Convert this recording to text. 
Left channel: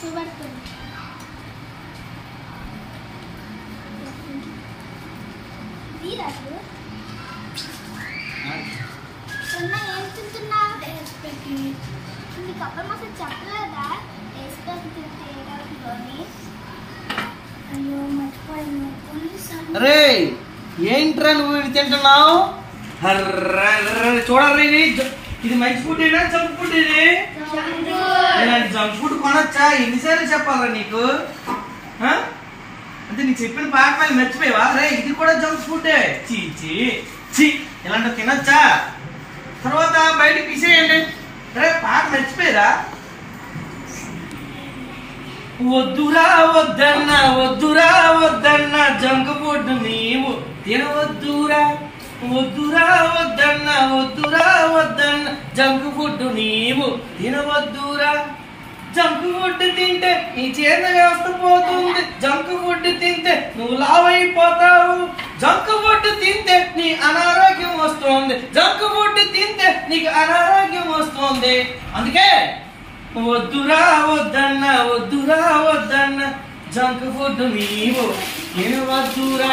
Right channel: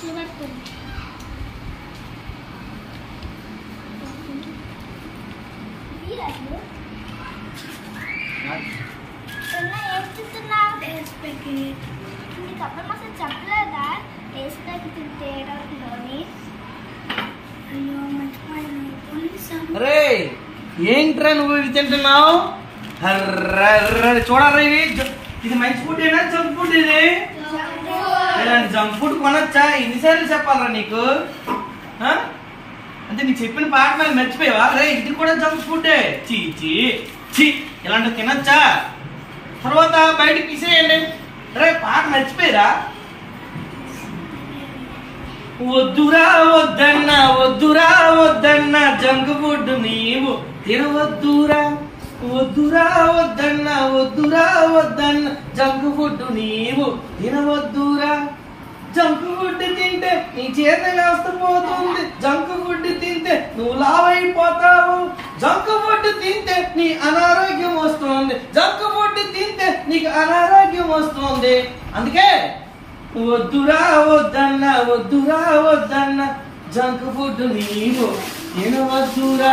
చూపెడుతుంది. నీకు అప్పుడు మాత్రం చెప్పలేదా టేస్ట్ తింటే ఏడవుతుందని? అయ్యో మర్చిపోయాను. రే ఏంట్రా నువ్వు ఇవి తింటున్నావు? చూడరా ఇది మంచి ఫుడ్ ఏనా జంక్ ఫుడ్? ఇది జంక్ ఫుడ్ కొనొచ్చా? ఎన్నిసార్లు చెప్పాలరా నీకు? అంటే నీకు చెప్పిన పాఠాలు మర్చిపోయావా? రే ఇది కూడా జంక్ ఫుడ్. చీ ఇలాంటివి తినొచ్చా? తర్వాత బయటకు తీసేయండి. రే పాట మర్చిపోయారా? వద్దురా వద్దన్నా జంక్ ఫుడ్ నీవు తినవద్దురా. వద్దురా వద్దన్నా జంక్ ఫుడ్ నీవు తినవద్దురా. జంక్ ఫుడ్ తింటే నీ జీర్ణ వ్యవస్థ పోతుంది. జంక్ ఫుడ్ తింటే నువ్వు లావైపోతావు. జంక్ ఫుడ్ తింటే నీ అనారోగ్యం వస్తుంది. జంక్ ఫుడ్ తింటే నీకు అనారోగ్యం వస్తుంది. అందుకే వద్దురా వద్దన్నా జంక్ ఫుడ్ నీవు తినవద్దురా.